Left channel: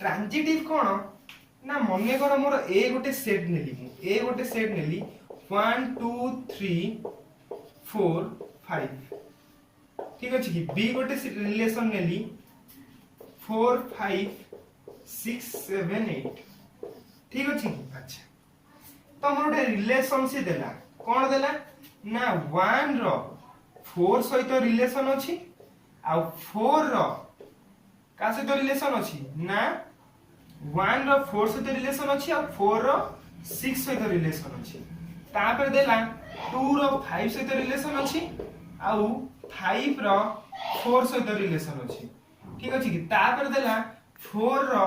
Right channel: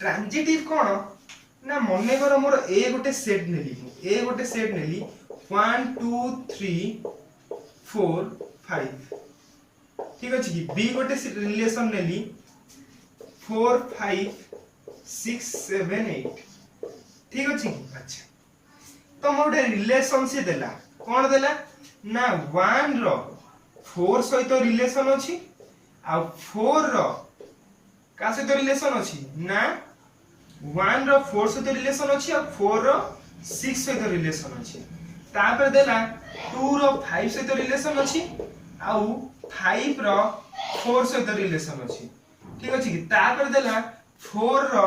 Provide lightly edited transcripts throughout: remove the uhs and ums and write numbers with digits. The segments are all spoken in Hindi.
ट्रांजिटिव कौन ना मन कर मोर ए गोटे सेट नेली ए गोटे सेट नेली 1 2 3 4 5 ठीक अच्छे कि बी गोटे रिलेशन नेली 4 5 6 7 8 ठीक अच्छे अच्छा तो मोर गोटे रिलेशन सी देला कौन देला ना 1 रो 4 सहित रिलेशन अछि आ 4 रो का सहित रिलेशन अछि ना 1 रो 4 सहित रिलेशन अछि आ 4 रो 6 सहित रिलेशन अछि तापर देला 2 रो 5 सहित रिलेशन अछि आ 5 रो 4 सहित रिलेशन अछि ठीक अछि कि तापर देला 4 रो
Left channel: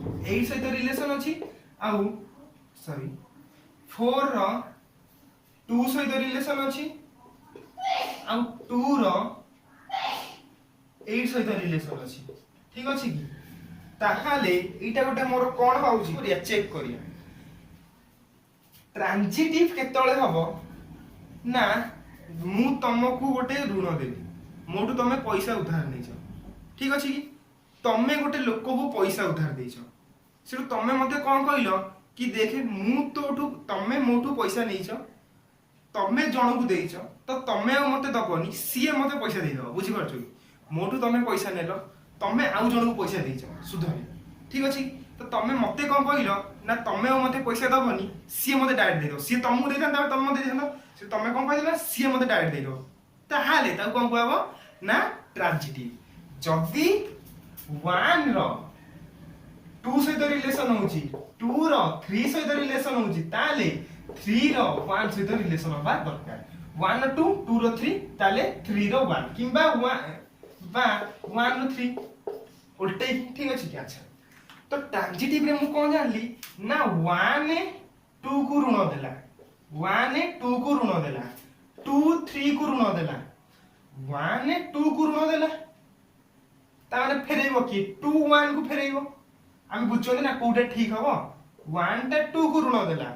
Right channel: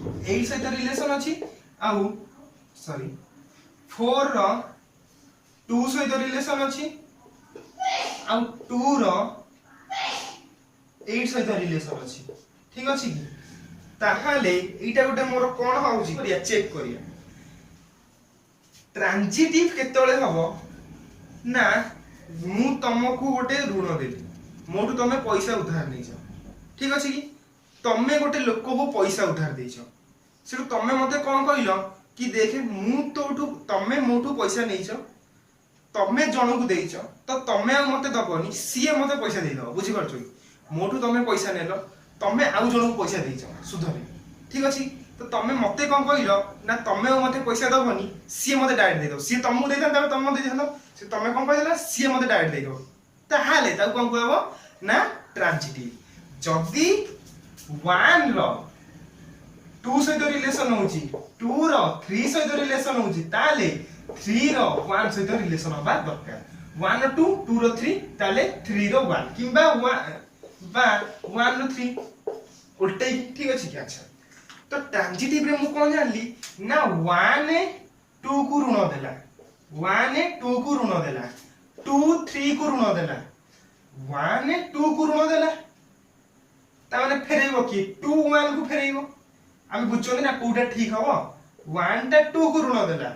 8 सहित रिलेशन अछि आ सॉरी 4 रो 2 सहित रिलेशन अछि आ 2 रो 8 सहित रिलेशन अछि ठीक अछि कि ताहाले एटा गोटे मोर कोन होउची करिया चेक करिया ट्रांजिटिव केतळे हबो ना मु तुमको गोटे ऋण देली मोटू तमे पैसा उधार नैछ ठीक अछि कि तमे गोटे लोक को पैसा उधार दैछ सेटू तमे मते कोन कहिलो कि देखे मु तोठू तमे मोटू पैसा नैछ तमे जणो को देइछ तो तमे आ मते दबनी सीए मते पैसा देइ दबो बुझि परछो मोटू तमे पैसा नेलो तमे आउ जणो को पैसा देइछ सुधरे ठीक अछि तो तमे मते कोन कहिलो ना तमे आ मते पैसा दबनी सीए मते डायरेक्ट देइ दो सी तमु देइ थान तमे मते देइ थान से तमे कोन कहिला सीए मते डायरेक्ट देइ दो ताहाले ता कोन कहबो ना ट्रांजिटिव जदी 1 रो 2 सहित रिलेशन होउची 2 रो 3 सहित रिलेशन होउची ताले 3 रो 1 सहित रिलेशन होबा दरकार 1 रो 2 2 रो 3 ताले 3 रो 1 किंबा 1 रो 3 उल्टे ठीक अछि कि अच्छा तो ट्रांजिटिव रे मु कोन जानली ना 1 2 को ऋण देला 1 2 को ऋण देला 2 3 को ऋण देला 1 2 को ऋण देला ता माने फेरेइबो कि 2 1 को फेरेइबो हम बुझछोनी ना कोडा ठीक हबो 1 टा 2 को ऋण देला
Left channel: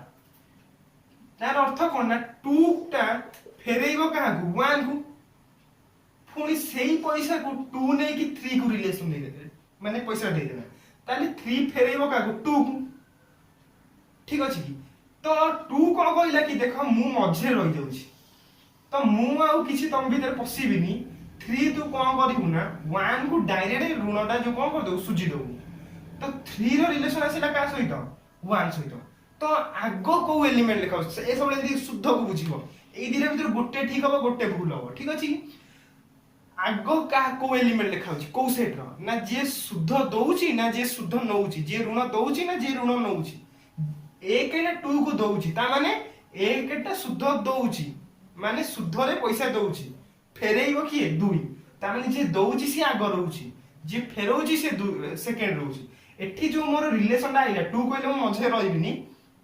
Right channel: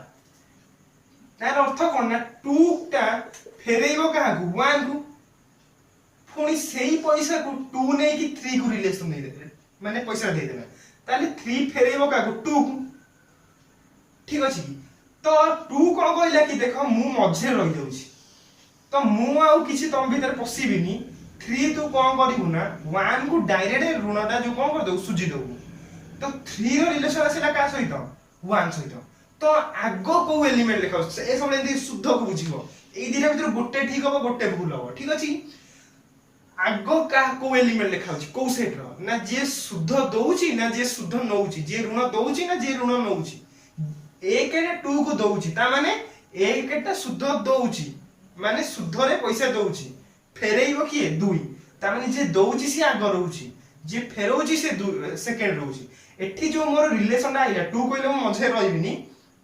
तार अर्थ कोन ना 2 टा फेरेइबो कहा को 1 को पुनी सेही पैसा को 2 नै कि 3 को रिलेशन दे दे माने पैसा दे देला ताले 3 फेरेइबो का को 2 ठीक अछि कि तो 2 कोन कहला कि देखो मु मझे रहि जाउछी तो मु आउ किछि तम भीतर पसिबिनी 3 तू कोन करिवु ना 1 को डायरेक्ट ऋणटा जो कोन कर दउ सुजी दउ तो 3 रो रिलेशन आसेला का सहित 1 सहित तो आगो को एलिमेंट लिखाउ ए सब एंती शुद्ध को बुझिबो एई दिना भीतर गोटे ठीक हबो गोटे भूल हबो ठीक अछि आगो का को एलिमेंट लिखाउची को सेट रो ना जे शुद्ध दउची ना जे शुद्ध नउची जे ऋण दउची ना जे ऋण नउची एक रे 2 को दउची ता माने एक टा शुद्ध दउची माने शुद्ध रे पैसा दउची फेरेइबो कि 2 ता माने जे दउची से आगो रहउची जे फेरउची से सेकंड रहउची एठी जो मोर रिलेशन आइला 2 कहले म मझे रहिबिनी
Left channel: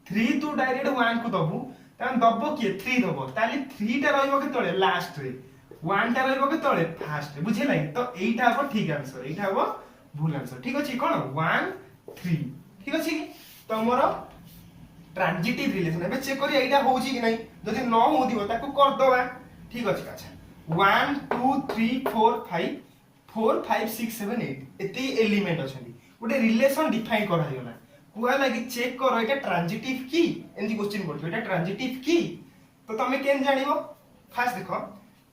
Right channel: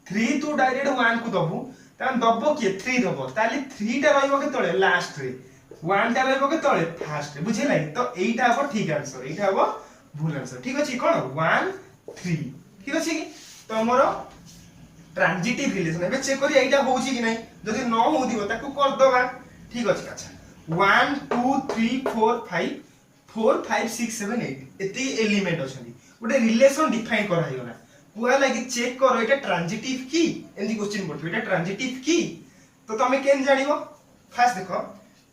3 तू डायरेक्ट 1 को दबु ता दबो कि 3 दबो ताली 3 टा रहइबो के तळे लास्ट रे 1 टा रहइबो के तळे फास्ट रे बुझे लागि तो एइटा हबो ठीक आंसर एइटा हबो भूल आंसर ठीक अछि कोन 1 3 ठीक अछि तो मोर ट्रांजिटिव रिलेशन एबे चेक करी एइटा होउची कि नै जदि न होदिबो ताको कर दबा ठीक अछि अच्छा 1 2 3 4 5 4 5 6 7 8 एती एलिमेंट अछंती गोटे रिलेशन डिफाइन करा हिगला कुआ लागि चेक करो एटा ट्रांजिटिव की एंदी क्वेश्चन पड़तो एटा ट्रांजिटिव की तो तमे केन जानिबो फास्ट देखो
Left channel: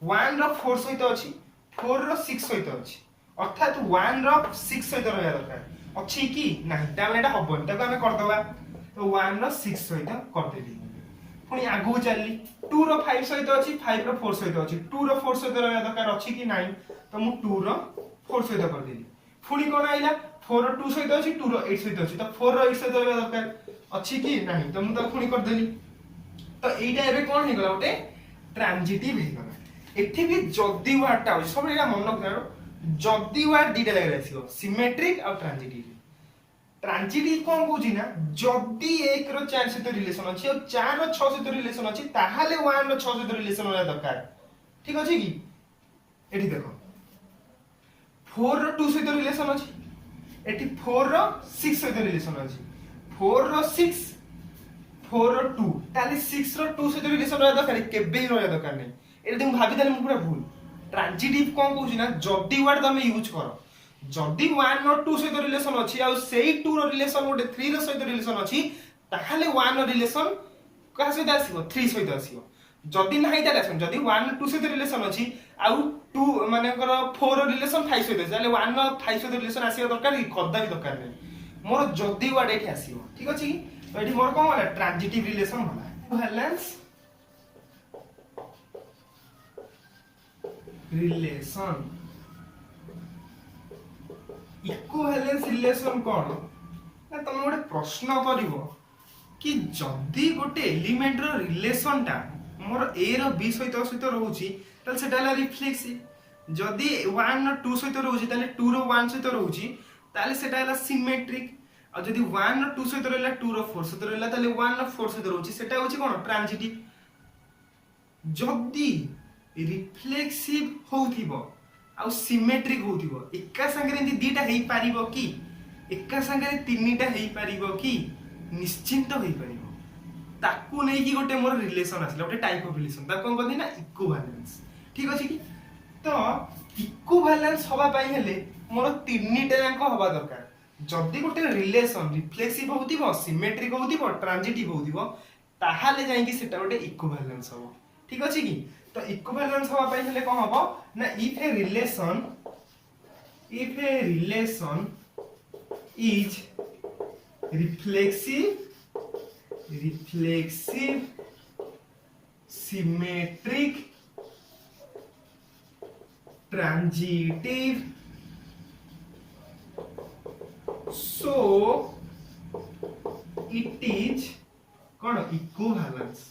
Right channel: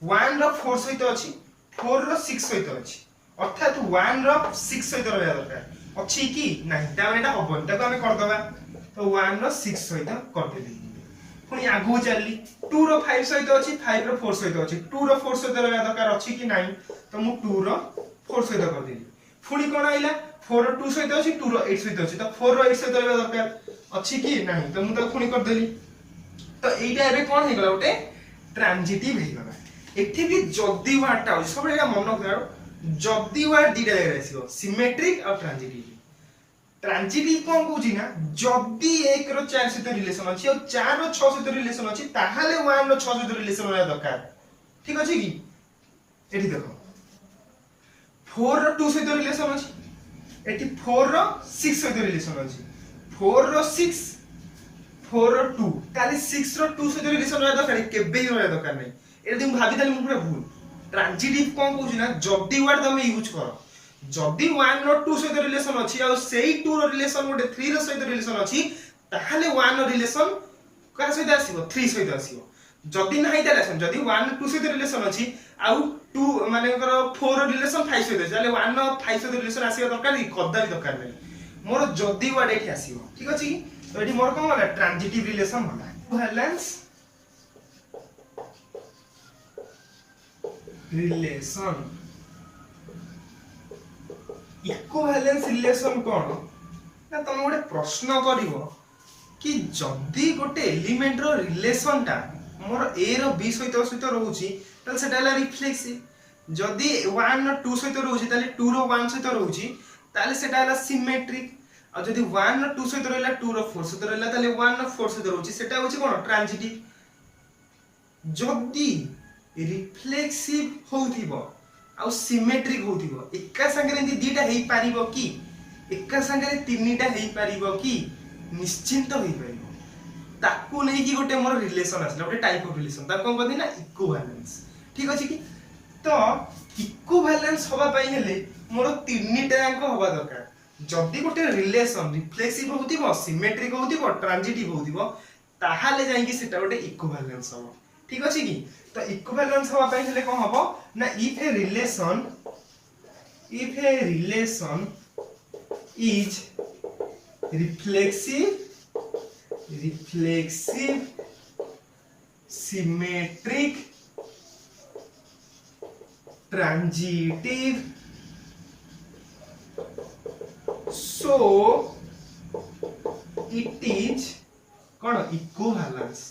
1 रो 4 सहित अछि 4 रो 6 सहित अछि अर्थात 1 रो 6 सहित रहया दरकार अछि की नाही ता एटा हबन ताको हमें कर दबा तो 1 रो 6 सहित कर देली पुनी आगु चलली 2 रो 5 सहित अछि 5 रो 4 सहित अछि 2 रो 4 सहित रहया दरकार अछि कि नाही तो मु 2 रो 4 सहित कर देली पुनी कोन आइला 4 रो 2 सहित अछि 2 रो 8 सहित अछि तो 4 रो 8 सहित रहया दरकार अछि कि नाही तो मु तो पुनी कर देली तो एइटा एबे कोन हे गला ओटे ट्रांजिटिव हे गला एठी भी जदी वार्डटा हो सब एटा मन करो जदी वार्ड दिटा जगह आसीबो सिमेट्रिक और ट्रांजिटिव ट्रांजिटिव कोन कहूची ना जदी 1 रो 4 सहित रिलेशन अछि और 4 रो 6 सहित रिलेशन अछि ताहाले 1 रो 6 सहित रिलेशन होया दरकार ठीक अछि कि एठी देखो 4 रो 2 सहित रिलेशन अछि एठी 4 रो 6 सहित रिलेशन अछि 4 रो 6 4 रो 2 ताले 6 रो 2 सहित रिलेशन होया दरकार केबे होया दरकार नै एठी तुम भाबी ताले मु पूरा भूल ट्रांजिटिव कोन कहूची ना जदी वर्ड तमे यूज करो जदि 1 और 2 सहित रिलेशन अछि आ सेही 2 रो रिलेशन गोटे 3 रो सहित रिलेशन अछि ताहाले 1 रो रिलेशन का सहित आसीबो 3 सहित आसीबो जदि नाही ताले आसन जदि 1 2 सहित रिलेशन अछि आ 2 माने 4 रो रिलेशन 5 सहित अछि ताले 1 और 5 सहित रिलेशन आसीबो दरकार नी कदा भी दरकार नै मोर जदि वर्ड एठी आसीबो ठीक अछि तो एठी मोर कोन होला ट्रांजिटिव रिलेशन होला इक्विवेलेंस रिलेशन इक्विवेलेंस रिलेशन कोन ना तुम गोटे प्रश्न करिवो कि जदि गोटे एलिमेंट रो रिलेशन टा मोर ए रो बी सहित सहित रहउची तल सेटा ला रिफ्लेक्सिव जदि 1 और 2 सहित रहउची ताले 2 रो 1 सहित रहउची ताले सेटा ला सिमेट्रिक आ जदि 1 और 2 सहित रहला 2 रो 4 सहित रहला ताले 1 और 4 सहित रहउची सेटा होची कोन ट्रांजिटिव जदि रिफ्लेक्सिव होउथिबो आ सिमेट्रिक होउथिबो एका संगे एंती दीटा हेई पारिबो कि एका संगे तीनटा हेई पारिबो कि निश्चिंत होई पारिबो ताकू नै कि गोटे मोर रिलेशन आसला गोटे टाइप ऑफ रिलेशन ता कोन कहथि ना इक्विवेलेंस ठीक अछि कि तो इक्विवेलेंस होबा पई हेले मोर तीनटा जांक होबा दरकार जदि गोटे रिलेशन रिफ्लेक्सिव होउथिबो सिमेट्रिक होउथिबो ट्रांजिटिव होउथिबो ताहाले जाई कि सेटा गोटे इक्विवेलेंस होबो ठीक अछि कि तो इक्विवेलेंस होबा पई हेले कोन होबो ना if a relation is reflexive, symmetric, transitive, so it is कौन equivalence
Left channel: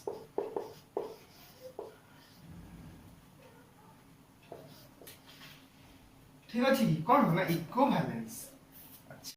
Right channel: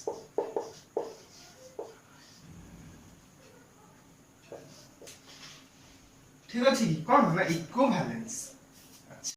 ठीक अछि कौन ना इक्विवेलेंस